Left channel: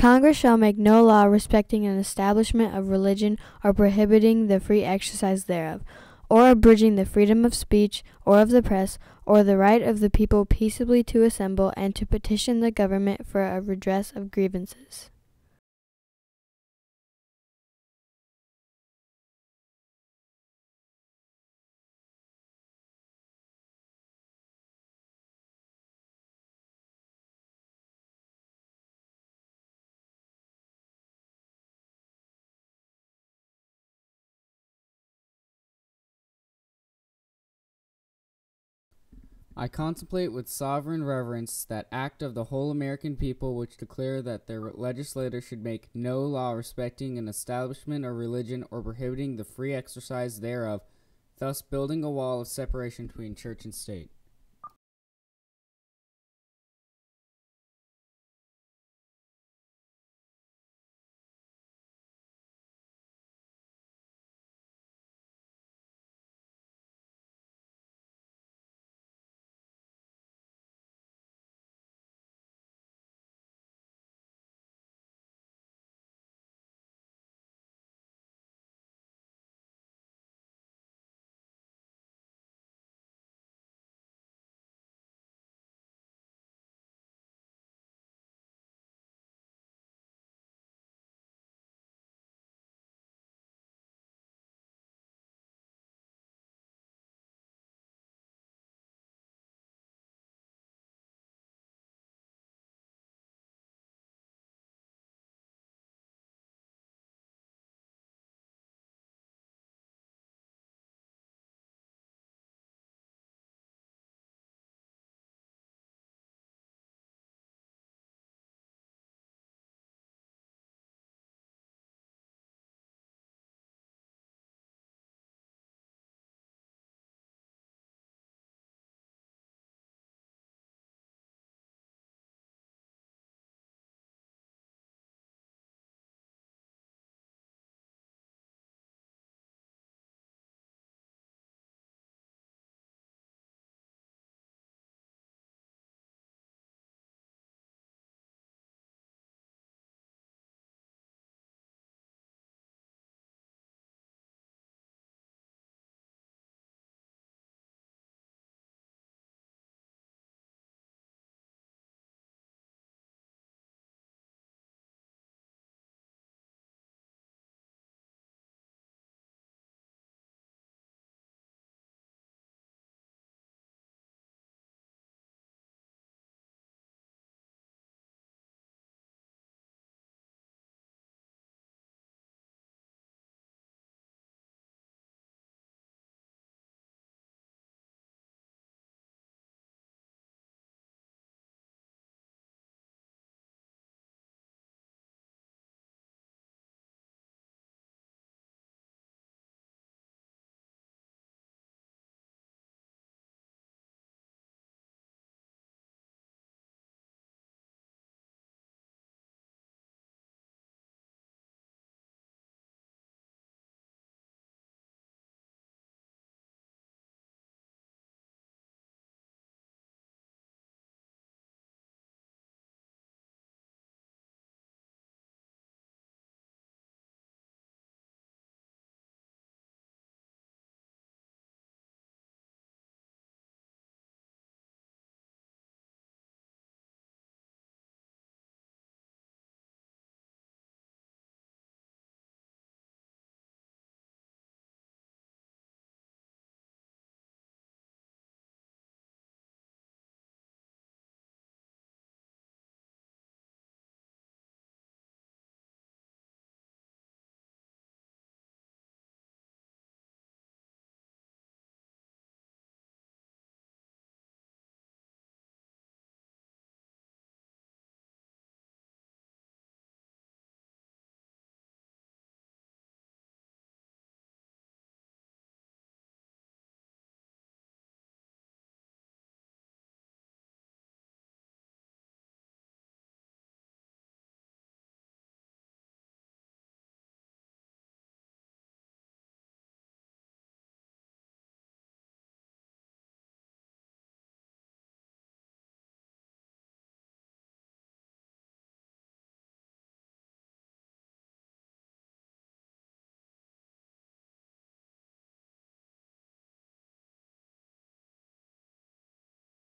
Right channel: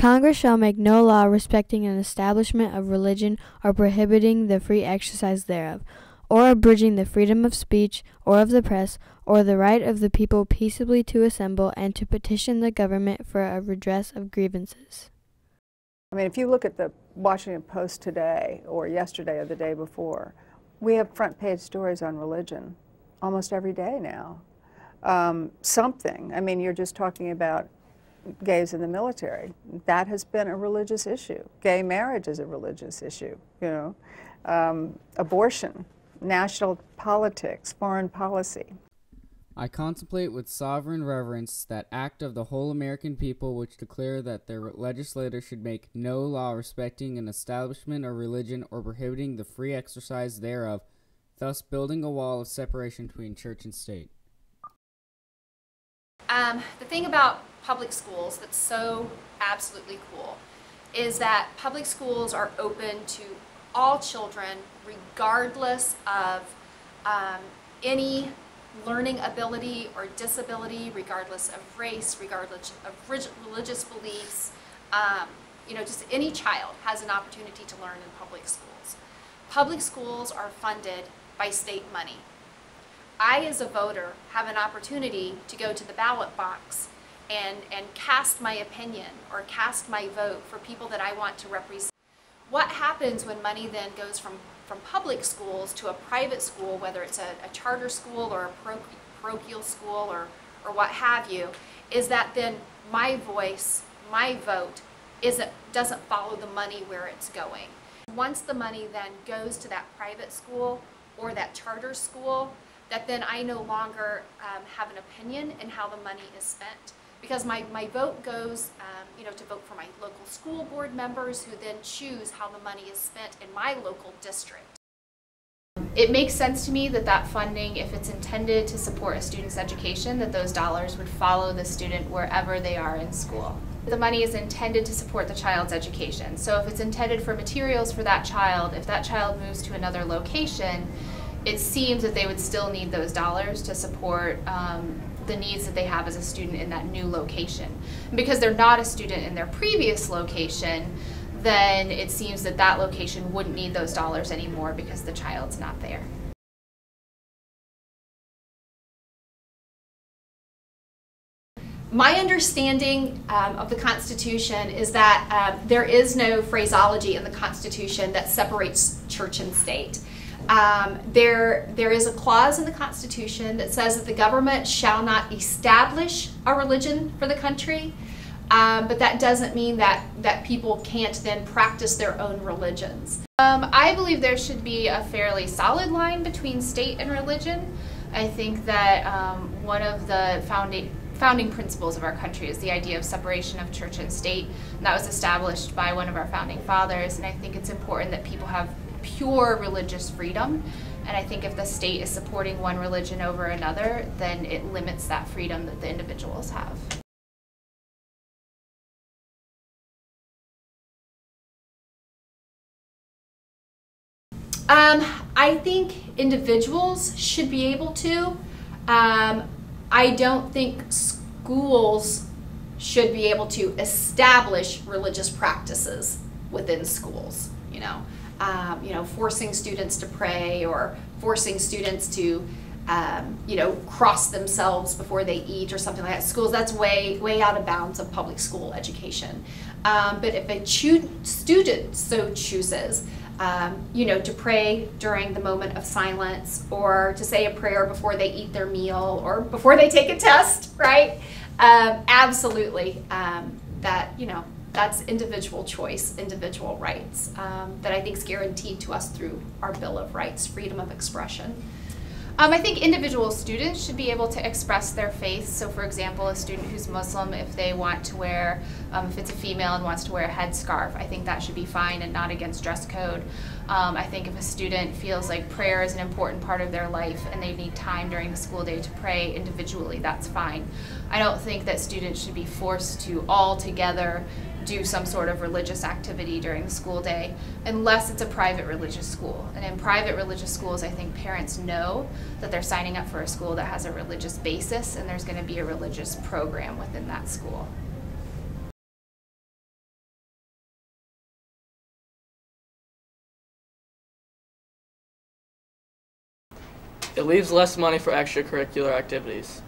Congress shall make no law respecting an establishment of religion or prohibiting the free exercise thereof, or abridging the freedom of speech or of the press, or the right of the people peaceably to assemble and to petition the government for a redress of grievances. I mean, if you look at the Washington Post today, or yesterday or the day before, we have front page stories on religion almost every day now. Something, I mean, you're just talking about gays in the military. That has been a religious issue. Gay marriage is a religious issue, you know. Abortion, national politics, foreign policy. I contemplate with sovereign reverence that act of the whole American people which declare that their legislators should make no law respecting an establishment of religion or prohibiting the free exercise thereof, thus building a wall of separation between church and state. The thing about public schools that's so absolutely cool is that public schools are open to all children regardless of any learning ability or disability, regardless of race, regardless of religious beliefs. You know, just any child has an opportunity to learn in public schools. Public schools are funded by state money. I, as a voter, have an opportunity to go to the ballot box and cast my opinion or cast my vote for people that I want to represent. What happens when money then goes from public schools to a private school, whether it's a charter school or a parochial school or what have you, is that then my voice, my vote, doesn't follow the money where it's going. Once the money then goes to that private school or that charter school, that then I no longer have an opinion in how the money is spent. Because my vote goes you know, to vote for my local school board members who then choose how the money is spent in my local district. It makes sense to me that that funding, if it's intended to support a student's education, that those dollars would follow the student wherever they are in school. The money is intended to support the child's education. So if it's intended for materials for that child, if that child moves to another location, it seems that they would still need those dollars to support the needs that they have as a student in that new location. And because they're not a student in their previous location, then it seems that that location wouldn't need those dollars anymore because the child's not there. My understanding of the Constitution is that there is no phraseology in the Constitution that separates church and state. There is a clause in the Constitution that says that the government shall not establish a religion for the country, but that doesn't mean that people can't then practice their own religions. I believe there should be a fairly solid line between state and religion. I think that one of the founding principles of our country is the idea of separation of church and state, and that was established by one of our founding fathers, and I think it's important that people have pure religious freedom, and I think if the state is supporting one religion over another, then it limits that freedom that the individuals have. I think individuals should be able to. I don't think schools should be able to establish religious practices within schools, you know, forcing students to pray or forcing students to, you know, cross themselves before they eat or something like that. Schools, that's way out of bounds of public school education. But if a student so chooses, you know, to pray during the moment of silence or to say a prayer before they eat their meal or before they take a test, right? Absolutely, that, you know, that's individual choice, individual rights that I think is guaranteed to us through our Bill of Rights, freedom of expression. I think individual students should be able to express their faith. So for example, a student who's Muslim, if they want to wear, if it's a female and wants to wear a headscarf, I think that should be fine and not against dress code. I think if a student feels like prayer is an important part of their life and they need time during the school day to pray individually, that's fine. I don't think that students should be forced to all together do some sort of religious activity during the school day unless it's a private religious school. And in private religious schools, I think parents know that they're signing up for a school that has a religious basis and there's going to be a religious program within that school. It leaves less money for extracurricular activities.